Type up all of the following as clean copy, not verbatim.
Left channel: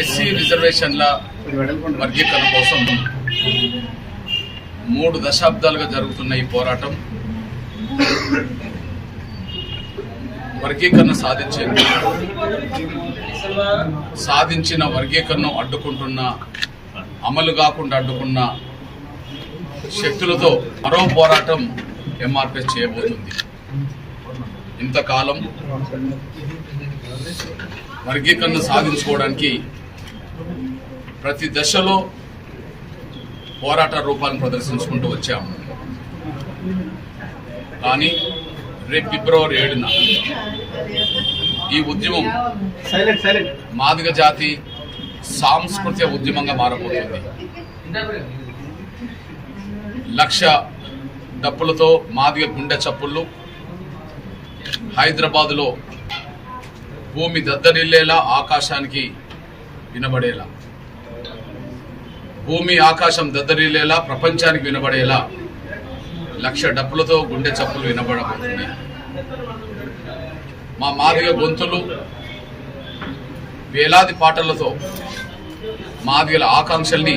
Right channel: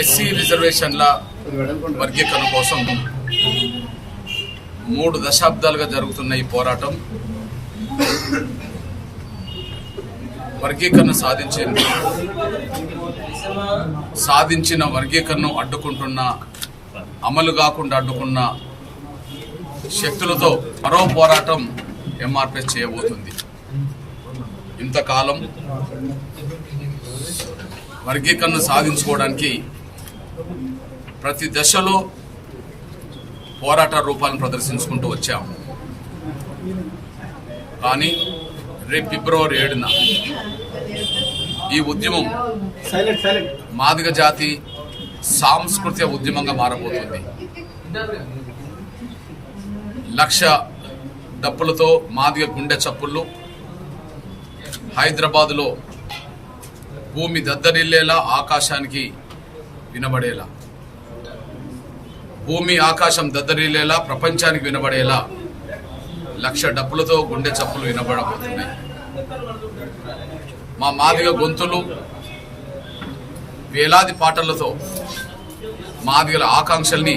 SC రిజర్వేషన్ల వర్గీకరణ కోసం 3 దశాబ్దాలుగా జరుగుతున్న ఈ పోరాటం వర్గీకరణ సాధించిన వర్గీకరణ అడ్డుకుంటున్న, అమలు కాకుండా అడ్డుకున్న శక్తులతో మరో పోరాటం ఎంఆర్పిఎస్ చేయబోతుంది. ఇంతకాలం వర్గీకరణ సాధించుకోవడానికి ప్రతి దశలో పోరాట రూపాలను ప్రదర్శించుకుంటూ వచ్చాం. కానీ రేపు ఫిబ్రవరి 7న ఈ ఉద్యమం మాదిగ జాతి సాంస్కృతిక ఉద్యమంగా మారబోతుంది. 1,00,000 డప్పులతో మాదిగ గుండె చప్పుళ్ళు హైదరాబాదులో భూమి దద్దరిల్లేలా, ఆకాశానికి వినబడేలా, భూమి ఆకాశం దద్దరిల్లేలా, ప్రపంచానికి వినబడేలా 1,00,000 డప్పులతో గుండె చప్పులు వినబడబోతున్నాయి. మా మాదిగ గొంతులు వేలాది పాటలతో మాదిగల ఆకాంక్షల్ని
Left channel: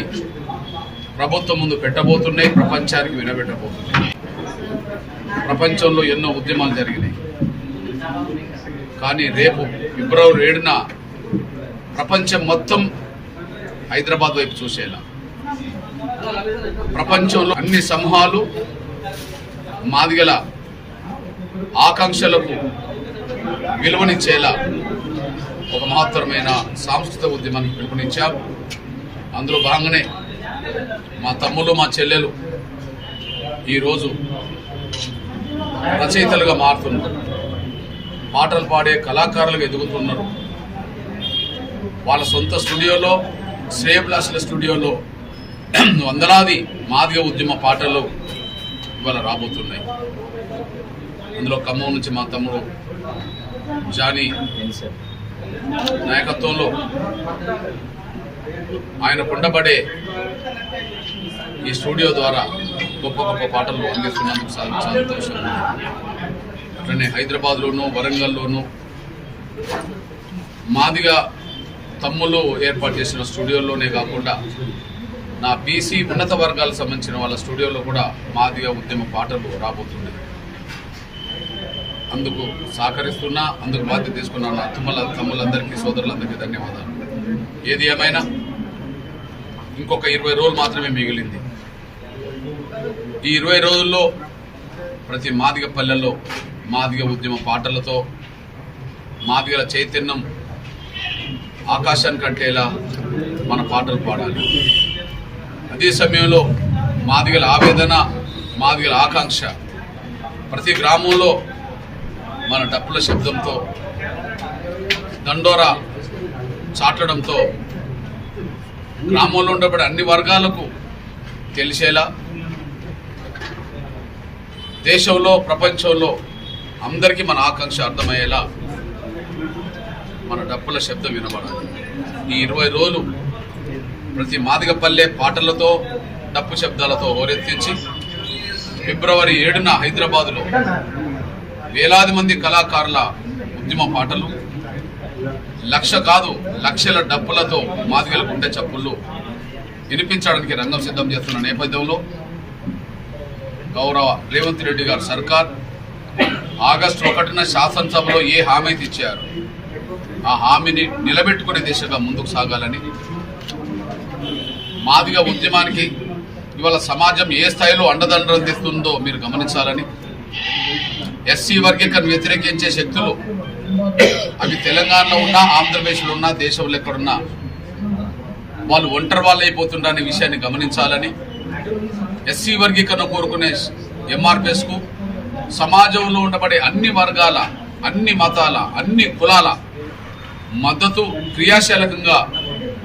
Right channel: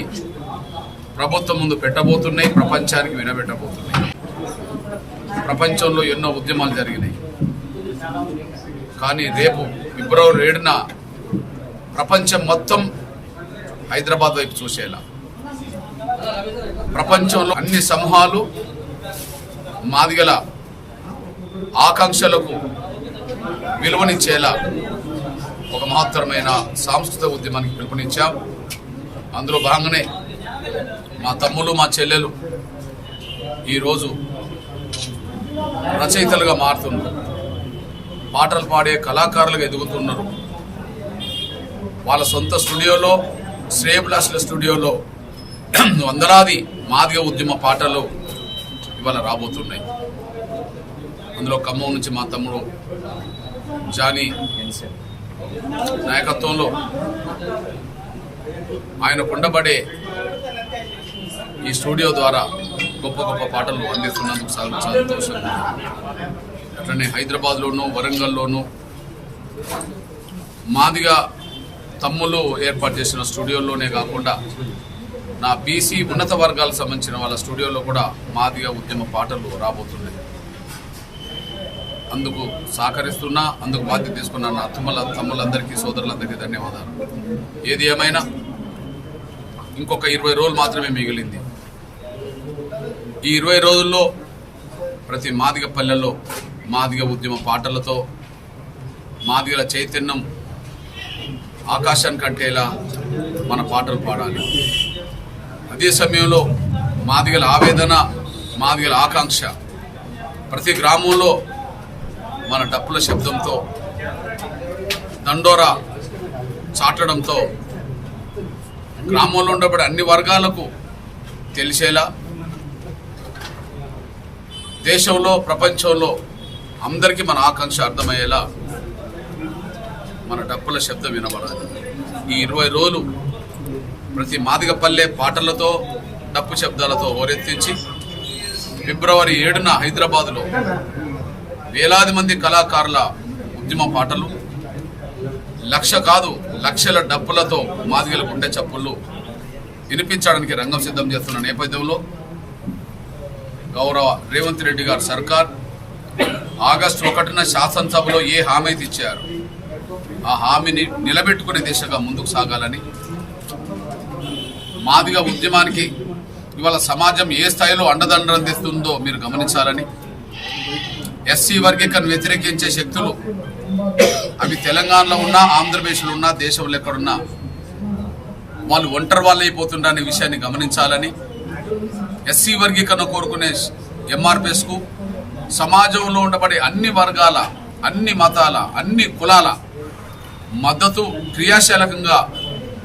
ప్రభుత్వం ముందు పెట్టబోతున్నాయి, ప్రపంచానికి వినబెట్టబోతున్నాయి. ప్రపంచంలో ఎన్నో ఉద్యమాలు జరిగినాయి. కానీ రేపు ఫిబ్రవరి 7న ప్రపంచం మొత్తం హైదరాబాద్ వైపు చూసేలా, ప్రపంచంలో అన్ని సమూహాలు మాదిగల ఆకాంక్షలకు విలువనిచ్చేలా ఒక మహత్తరమైన సాంస్కృతిక ఉద్యమానికి పిలుపునిచ్చాం. అందులో భాగంగానే మా తమ్ముళ్ళు, మా చెల్లెలు ఈరోజు రచయితలుగా మారుతున్నారు, పాటలు పాడే కళాకారులుగా ఎదుగుతున్నారు. వాళ్ళ సొంత స్టూడియోలో, శ్రేయభిలాషుల స్టూడియోలో వందలాది మాదిగ ఉద్యమ పాటలు ఇవాళ రాబోతున్నాయి. అందులో ఖమ్మం నుంచి మా తమ్ముడు జానీ నాయకత్వంలో ఆయన కుండబడే ఈ స్టూడియో ద్వారా గొప్ప గొప్ప పాటలు అందిస్తున్నందుకు చాలా సంతోషం. అట్లనే హైదరాబాద్లోనూ, వరంగల్లోనూ మాదిగ తమ్ములు ఏర్పాటు చేసిన స్టూడియోల్లోనే కాకుండా నా బీసీ ఉన్నత వర్గాలకు సంబంధించిన వాళ్ళ స్టూడియోలో కూడా మాదిగ ఉద్యమ పాటలు రాబోతున్నాయి. అందుకు సహకరిస్తున్నా, అందుకు బాధ్యత తీసుకున్న నా తమ్ములందరికీ, సోదరులందరికీ ధన్యవాదాలు. ఏది ఏమైనా ఇంకొక 20 రోజులు మాత్రమే మిగిలింది. ఈ 20 రోజుల్లో ప్రతి మాదిగ పల్లెల్లో మాదిగ ఉద్యమ పాటలతో మాదిగల చైతన్యం ఆకాశానికి అంటేలా మన పాటలు పాడాలి. అదే సమయంలో మాదిగల ఆవేదన, మాదిగల ఆకాంక్ష ప్రతి గ్రామంలో మన డప్పుల శబ్దంతో, దండోరా చాటడంతో గ్రామంలో ఉండబడే అన్ని వర్గాలకు తెలిసేలా, దేశంలో, ప్రపంచంలో అందరికీ మన ఆకాంక్ష అర్థమయ్యేలా మన డప్పుల శబ్దం వినబడాలి. ఈ 20 రోజులు ప్రతి మాదిగ పల్లె పాటలతో, డప్పు శబ్దాలతో హోరెత్తించి ఫిబ్రవరి 7న హైదరాబాదులో వేలాది మంది కళాకారుల ఉద్యమ పాటలు, 1,00,000 కాదు 1,00,000 డప్పులతో మాదిగల గుండె చప్పుళ్ళు వినిపించడానికి రంగం సిద్ధం చేస్తున్న నేపథ్యంలో గౌరవ రేవంత్ రెడ్డి గారు సర్కార్ ఆగస్టు 1న శాసనసభలో ఏ హామీ ఇచ్చారు, ఆ హామీని నిలబెట్టుకునే దిశగా ముందుకు సాగాలని, మాదిగ ఉద్యమానికి ఇవాళ సమాజం ఏ స్థాయిలో అండదండలు అందిస్తుందో మీరు గమనించాలని, ఎస్సీ వర్గీకరణ వ్యతిరేకించే శక్తులు అవి తెలంగాణలో ఉన్నా, ఆంధ్రప్రదేశ్లో ఉన్నా, దేశంలో ఎక్కడున్నా వాళ్ళు ఒంటరి వాళ్ళు అయిపోతుండనే విషయాన్ని గమనించాలని, ఎస్సీ వర్గీకరణ కోరుకునే ఎంఆర్పిఎస్కు సమాజంలో ఉండబడే అన్ని వర్గాల, అన్ని మతాల, అన్ని కులాల మద్దతు క్రియాశీలకంగా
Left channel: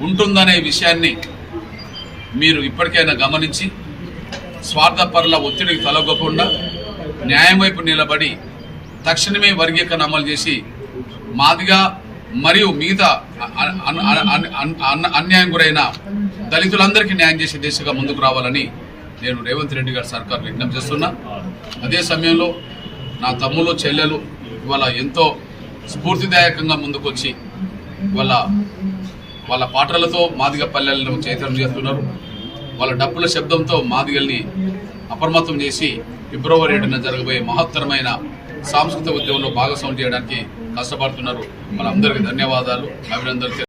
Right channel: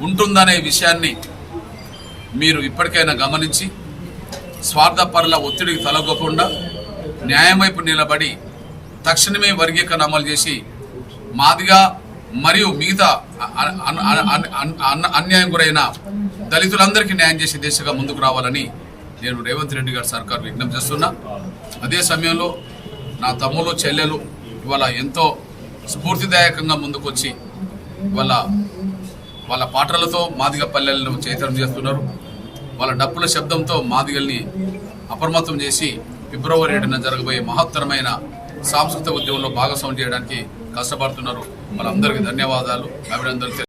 ఉంటుందనే విషయాన్ని మీరు ఇప్పటికైనా గమనించి స్వార్థపరుల ఒత్తిడికి తలొగ్గకుండా న్యాయం వైపు నిలబడి తక్షణమే వర్గీకరణ అమలు చేసి మాదిగా మరియు మిగతా అన్యాయం గురైన దళితులందరికీ న్యాయం చేసే దిశగా ముందుకు రావాలని నేను రేవంత్ రెడ్డి గారి సర్కార్ విజ్ఞప్తి చేస్తున్నా. అదే సమయంలో నా తమ్ములు, చెల్లెలు ఇవాళ ఎంతో స్ఫూర్తిదాయకంగా ముందుకొచ్చి ఇవాళ వాళ్ళ పాటలతో మాదిగ పల్లెలను చైతన్యం చేస్తున్నారు. వాళ్ళ డప్పుల శబ్దంతో మాదిగల్ని అప్రమత్తం చేసి ఫిబ్రవరి 7న జరగబోయే మహత్తరమైన సాంస్కృతిక ఉద్యమంలో భాగస్వామ్యం చేయడానికి కష్టపడుతున్నారు. వాళ్ళందరికీ ధన్యవాదాలు, అభినందనలు.